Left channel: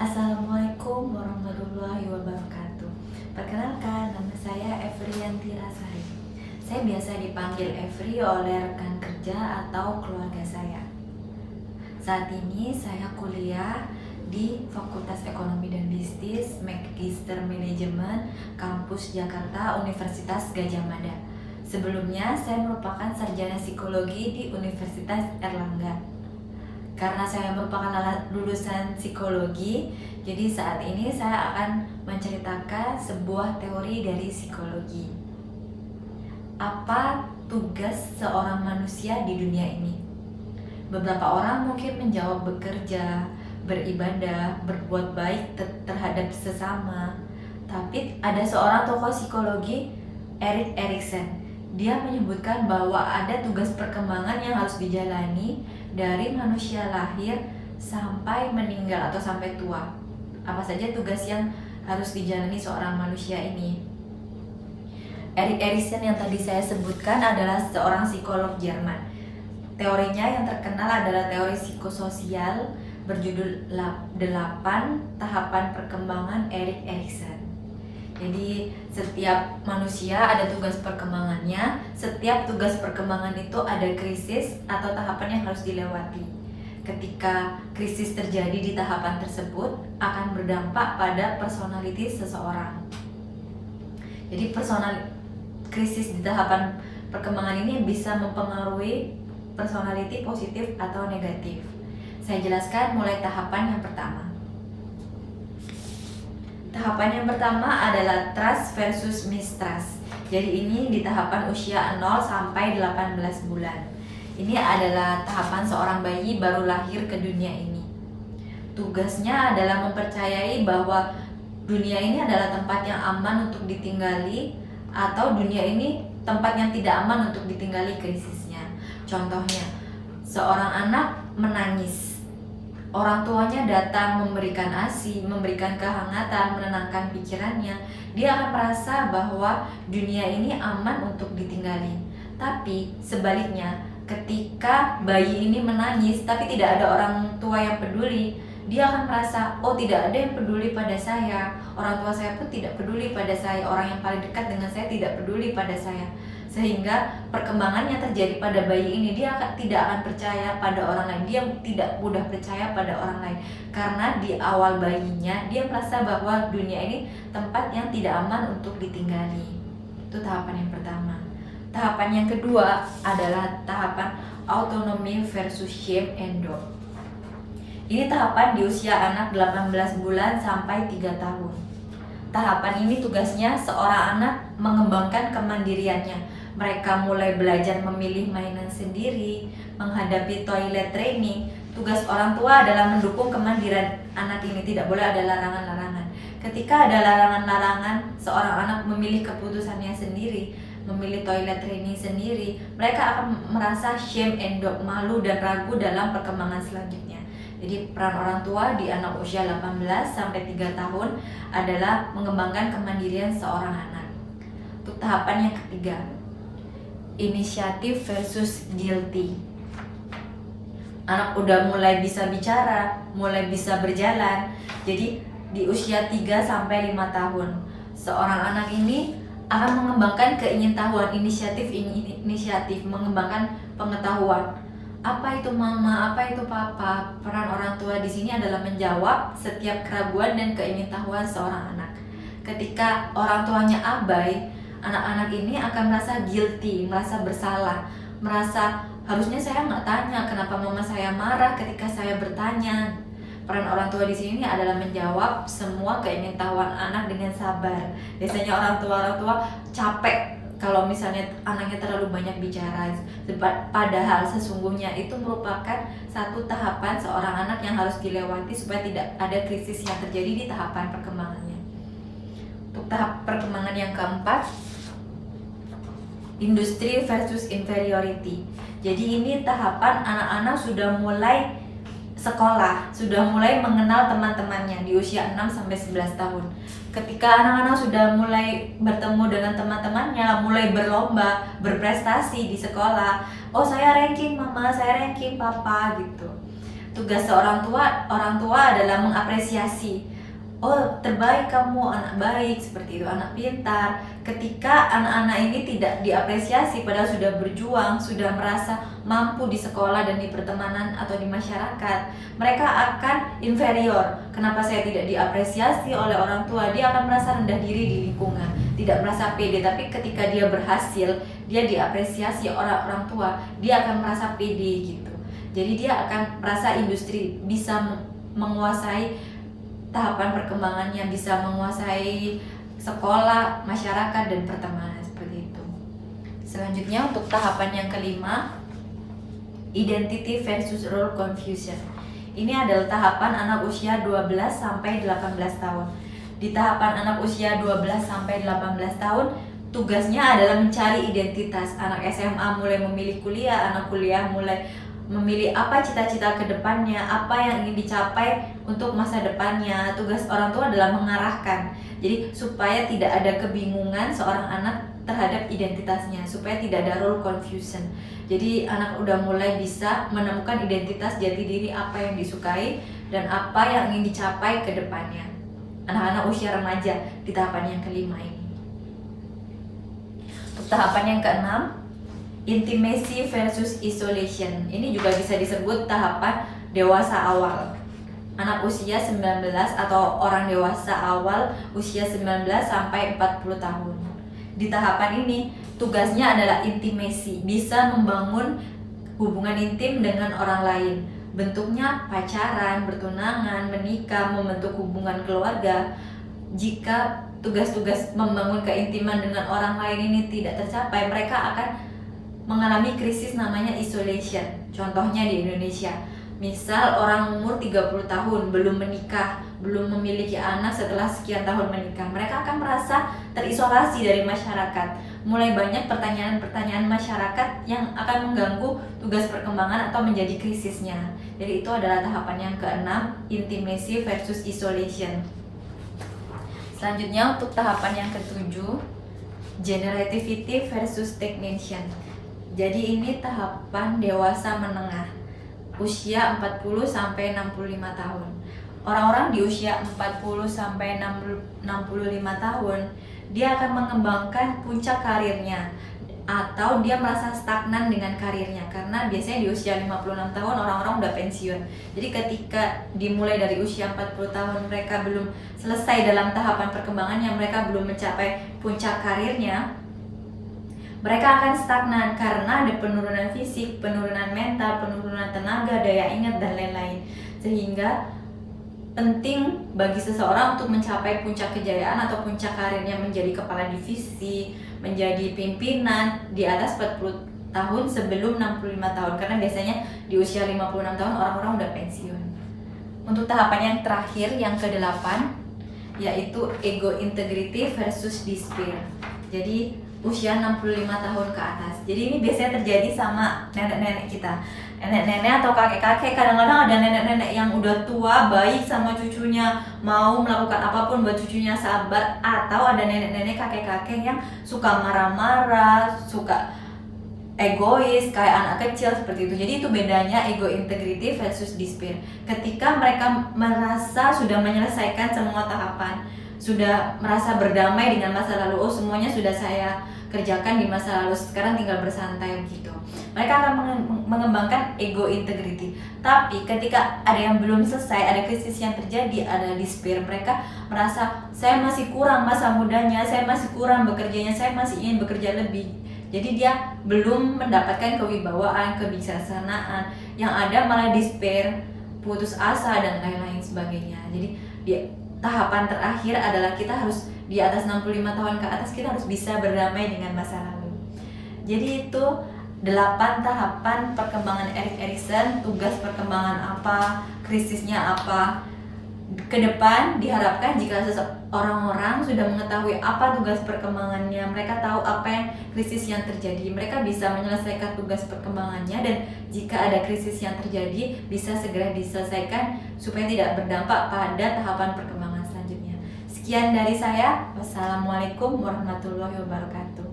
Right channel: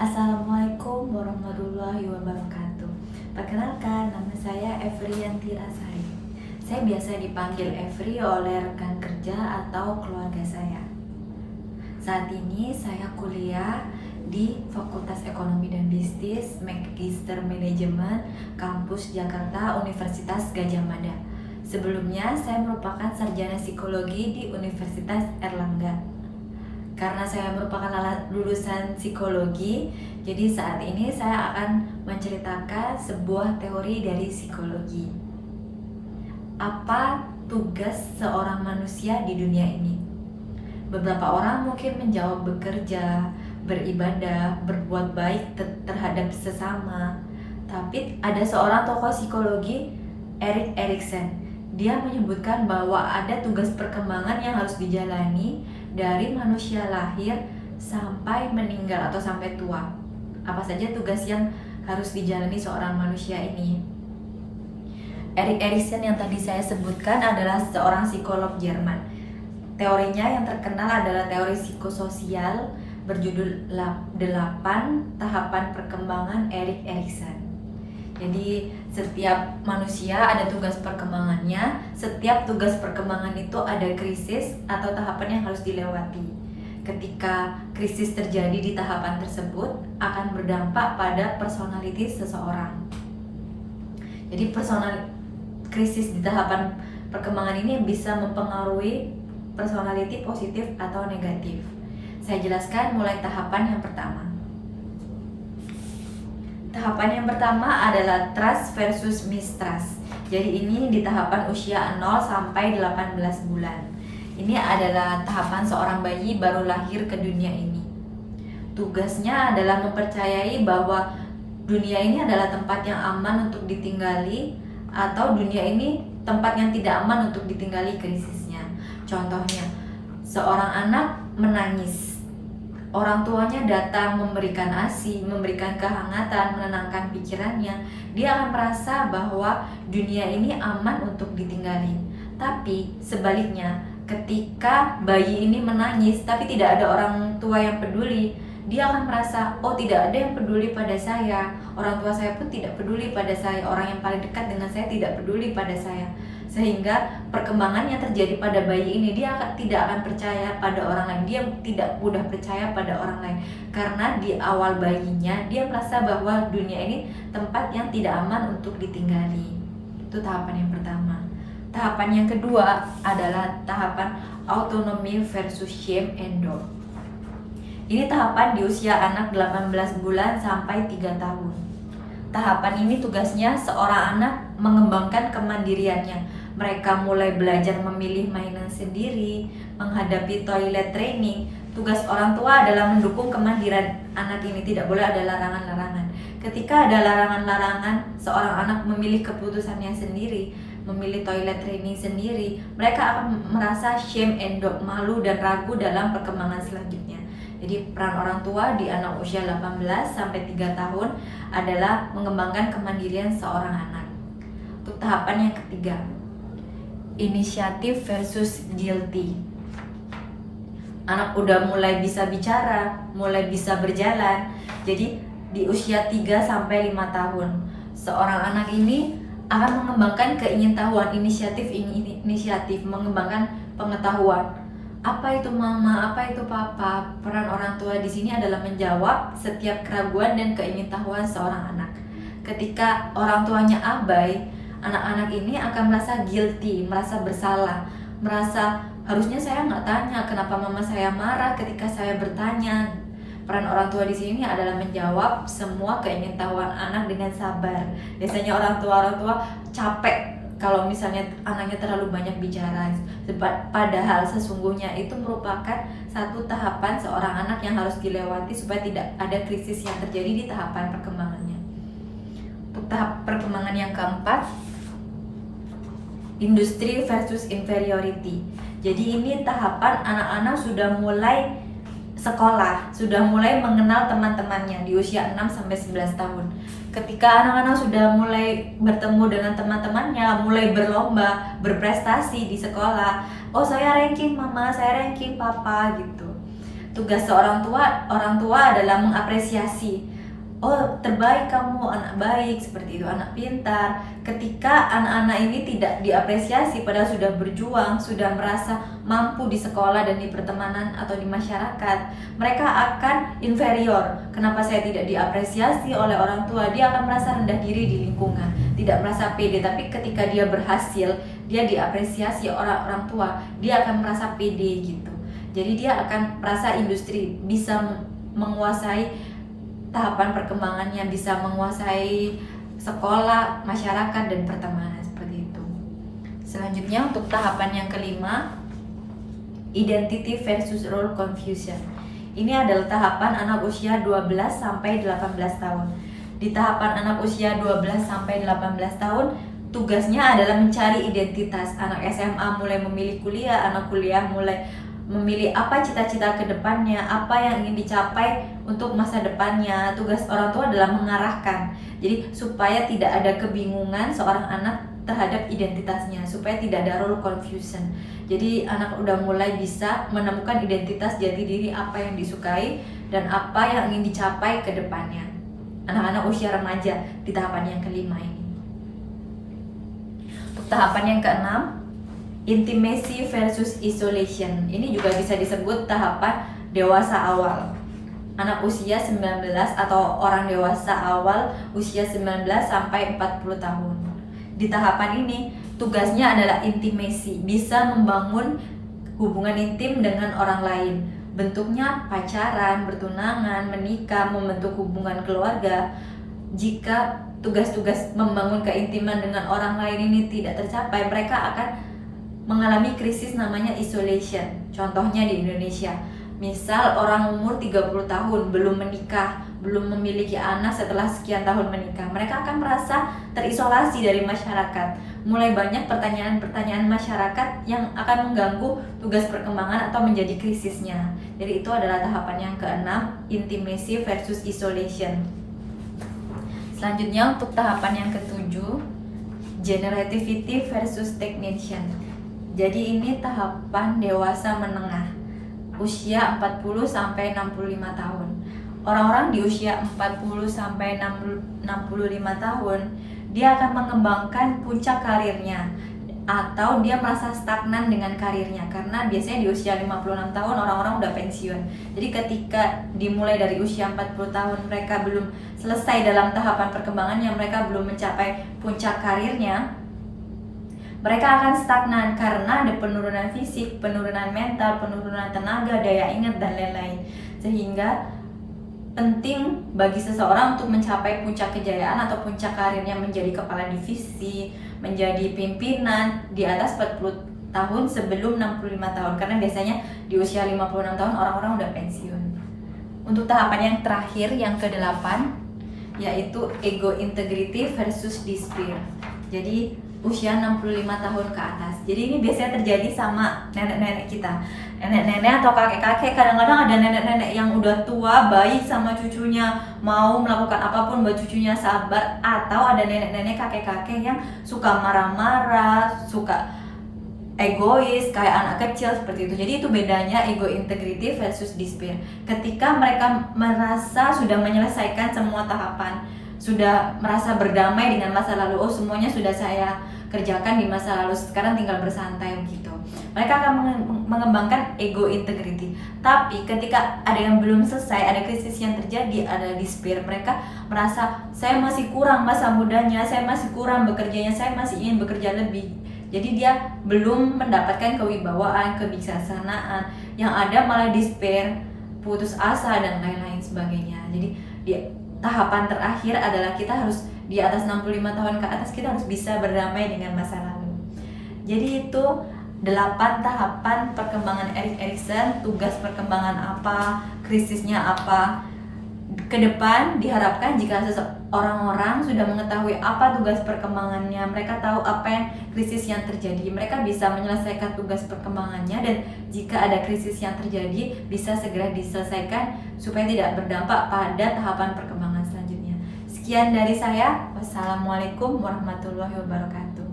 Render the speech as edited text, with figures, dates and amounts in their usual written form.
Assalamualaikum warahmatullahi wabarakatuh. Perkenalkan, nama saya Evriyanti Rasari. Saya biasa dipanggil Evri oleh rekan kerja atau keluarga saya. Saat ini saya kuliah di Fakultas Ekonomi dan Bisnis, Magister Manajemen, Kampus Jakarta, Universitas Gadjah Mada. Sebelumnya, saya merupakan sarjana psikologi di Universitas Erlangga. Karena saya merupakan lulusan psikologi, jadi saat ini saya akan menceritakan sebuah teori dari psikologi. Apa tugas seorang manusia di dunia ini? Beberapa orang mungkin menjawab bekerja, beribadah, berbuat baik terhadap sesama. Tapi ada seorang tokoh psikologi, Erik Erikson. Dia menyebutkan bahwa ada tugas perkembangan yang harus dijalani dari manusia lahir sampai meninggal atau sampai tua. Apa saja tugas yang harus dijalani seorang manusia ini? Erik Erikson yang tadi saya sebutkan adalah seorang psikolog Jerman. Teorinya yang terkenal adalah teori psikososial berjudul 8 Tahapan Perkembangan Erik Erikson. Jadi setiap manusia ada tugas perkembangannya. Setiap tugas perkembangan itu ada krisis atau tahapan yang harus dilewati. Ketika krisis terjadi di tahapan tersebut akan berdampak pada personality seseorang. Jadi krisis di tahapan perkembangan ini bisa mempengaruhi personality positif atau negatif. Saya jelaskan mulai tahapan yang pertama. Tahapan yang pertama adalah trust versus mistrust. Jadi ini di tahapan usia 0 sampai 18 bulan. Ini adalah tahapan seorang bayi baru lahir ke dunia ini. Tugasnya adalah mempercayai bahwa dunia ini adalah tempat yang aman untuk ditinggali atau dunia ini tempat yang tidak aman untuk ditinggali krisisnya. Contohnya, seorang anak menangis. Orang tuanya datang memberikan ASI, memberikan kehangatan, menenangkan pikirannya. Dia akan merasa bahwa dunia ini aman untuk ditinggali. Tapi sebaliknya, ketika bayi ini menangis tapi tidak ada orang tua yang peduli, dia akan merasa, oh tidak ada yang peduli pada saya. Orang tua saya pun tidak peduli pada saya. Orang yang paling dekat dengan saya tidak peduli pada saya. Sehingga perkembangan yang terjadi pada bayi ini, dia tidak akan percaya pada orang lain. Dia tidak mudah percaya pada orang lain. Karena di awal bayinya, dia merasa bahwa dunia ini tempat yang tidak aman untuk ditinggali. Itu tahapan yang pertama. Tahapan yang kedua adalah tahapan autonomy versus shame and doubt. Ini tahapan di usia anak 18 bulan sampai 3 tahun. Tahapan ini tugasnya seorang anak mengembangkan kemandiriannya. Mereka mulai belajar memilih mainan sendiri, menghadapi toilet training. Tugas orang tua adalah mendukung kemandirian anak ini, tidak boleh ada larangan-larangan. Ketika ada larangan-larangan, seorang anak memilih keputusannya sendiri, memilih toilet training sendiri, mereka akan merasa shame and doubt, malu dan ragu dalam perkembangan selanjutnya. Jadi peran orang tua di anak usia 18 sampai 3 tahun adalah mengembangkan kemandirian seorang anak. Untuk tahapan yang ketiga, inisiatif versus guilty. Anak udah mulai bisa bicara, mulai bisa berjalan. Jadi di usia 3 sampai 5 tahun, seorang anak ini akan mengembangkan keingintahuan, inisiatif, mengembangkan pengetahuan. Apa itu mama, apa itu papa? Peran orang tua di sini adalah menjawab setiap keraguan dan keingintahuan seorang anak. Ketika orang tuanya abai, anak-anak ini akan merasa guilty, merasa bersalah, merasa harusnya saya nggak tanya kenapa mama saya marah ketika saya bertanya. Peran orang tua di sini adalah menjawab semua keingintahuan anak dengan sabar. Biasanya orang tua capek kalau misalnya anaknya terlalu banyak bicara, padahal sesungguhnya itu merupakan satu tahapan seorang anak yang harus dilewati supaya tidak ada krisis yang terjadi di tahapan perkembangannya. Untuk tahap perkembangan yang keempat, industri versus inferiority. Jadi ini tahapan anak-anak sudah mulai sekolah, sudah mulai mengenal teman-temannya di usia 6-11 tahun. Ketika anak-anak sudah mulai bertemu dengan teman-temannya, mulai berlomba, berprestasi di sekolah. Oh, saya ranking mama, saya ranking papa gitu. tugas seorang orang tua adalah mengapresiasi. Oh, terbaik kamu, anak baik, seperti itu, anak pintar. Ketika anak-anak ini tidak diapresiasi padahal sudah berjuang, sudah merasa mampu di sekolah dan di pertemanan atau di masyarakat, mereka akan inferior. Kenapa saya tidak diapresiasi oleh orang tua? Dia akan merasa rendah diri di lingkungan, tidak merasa pede. Tapi ketika dia berhasil, dia diapresiasi orang tua, dia akan merasa pede gitu. Jadi dia akan merasa industri, bisa menguasai tahapan perkembangannya, bisa menguasai sekolah, masyarakat, dan pertemanan, seperti itu. Selanjutnya untuk tahapan yang kelima, identity versus role confusion. Ini adalah tahapan anak usia 12 sampai 18 tahun. Di tahapan anak usia 12 sampai 18 tahun, tugasnya adalah mencari identitas. Anak SMA mulai memilih kuliah, anak kuliah mulai memilih apa cita-cita ke depannya, apa yang ingin dicapai untuk masa depannya. Tugas orang tua adalah mengarahkan. Jadi supaya tidak ada kebingungan seorang anak terhadap identitasnya, supaya tidak ada role confusion. Jadi anak udah mulai bisa menemukan identitas jati diri, apa yang disukai dan apa yang ingin dicapai ke depannya. Anak-anak usia remaja di tahapan yang kelima ini. Untuk tahapan yang keenam, intimacy versus isolation. Ini juga bisa disebut tahapan dewasa awal. Anak usia 19 atau orang dewasa awal usia 19 sampai 40 tahun. Di tahapan ini tugasnya adalah intimacy, bisa membangun hubungan intim dengan orang lain. Bentuknya pacaran, bertunangan, menikah, membentuk hubungan keluarga. Jika tugas-tugas membangun keintiman dengan orang lain ini tidak tercapai, mereka akan mengalami krisis namanya isolation. Contohnya di Indonesia, misal orang umur 30 tahun belum menikah, belum memiliki anak setelah sekian tahun menikah, mereka akan merasa terisolasi dari masyarakat. Mulai banyak pertanyaan-pertanyaan masyarakat yang akan mengganggu tugas perkembangan atau menjadi krisisnya. Jadi itu adalah tahapan yang keenam, intimacy versus isolation. Selanjutnya untuk tahapan yang ketujuh, generativity versus stagnation. Jadi ini tahapan dewasa menengah, usia 40 sampai 65 tahun. Orang-orang di usia 40 sampai 65 tahun, dia akan mengembangkan puncak karirnya atau dia merasa stagnan dengan karirnya, karena biasanya di usia 56 tahun orang-orang udah pensiun. Jadi ketika dimulai dari usia 40 tahun mereka belum selesai dalam tahapan perkembangannya, mereka belum mencapai puncak karirnya, mereka akan stagnan karena ada penurunan fisik, penurunan mental, penurunan tenaga, daya ingat, dan lain-lain. Sehingga penting bagi seseorang untuk mencapai puncak kejayaan atau puncak karirnya, menjadi kepala divisi, menjadi pimpinan di atas 40 tahun sebelum 65 tahun. Karena biasanya di usia 56 tahun orang-orang udah pensiun. Untuk tahapan yang terakhir, yang ke-8, yaitu ego integrity versus despair. Jadi usia 65 tahun ke atas. Jadi ini biasanya terjadi sama nenek-nenek kita. Nenek-nenek atau kakek-kakek, kadang-kadang ada nenek-nenek yang udah tua, baik sama cucunya, mau melakukan apapun buat cucunya sabar. Atau ada nenek-nenek, kakek-kakek yang suka marah-marah, suka egois, kayak anak kecil, seperti itu. Jadi itu bedanya ego integrity versus despair. Ketika mereka merasa sudah menyelesaikan semua tahapan, sudah merasa berdamai dengan masa lalu, oh semuanya sudah saya kerjakan di masa lalu, sekarang tinggal bersantai gitu. Mereka akan mengembangkan ego integrity. Tapi ketika ada yang belum selesai, ada krisis yang terjadi, ada despair, mereka merasa saya masih kurang masa mudanya, saya masih kurang bekerjanya, saya masih ingin bekerja lebih. Jadi dia belum mendapatkan kewibawaan, kebijaksanaan. Yang ada malah despair, putus asa, dan lain-lain sebagainya. Jadi tahapan terakhir adalah kita harus di atas 65 tahun ke atas, kita harus bisa berdamai dengan masa lalu. Jadi itu 8 tahapan perkembangan Erik Erikson, tugas perkembangan apa, krisisnya apa. Kedepan diharapkan jika orang-orang sudah mengetahui apa tugas perkembangannya, mereka tahu apa yang krisis yang terjadi, mereka bisa menyelesaikan tugas perkembangannya, dan jika ada krisis yang terjadi bisa segera diselesaikan supaya tidak berdampak pada tahapan perkembangan selanjutnya. Sekian dari saya. Wassalamualaikum warahmatullahi wabarakatuh.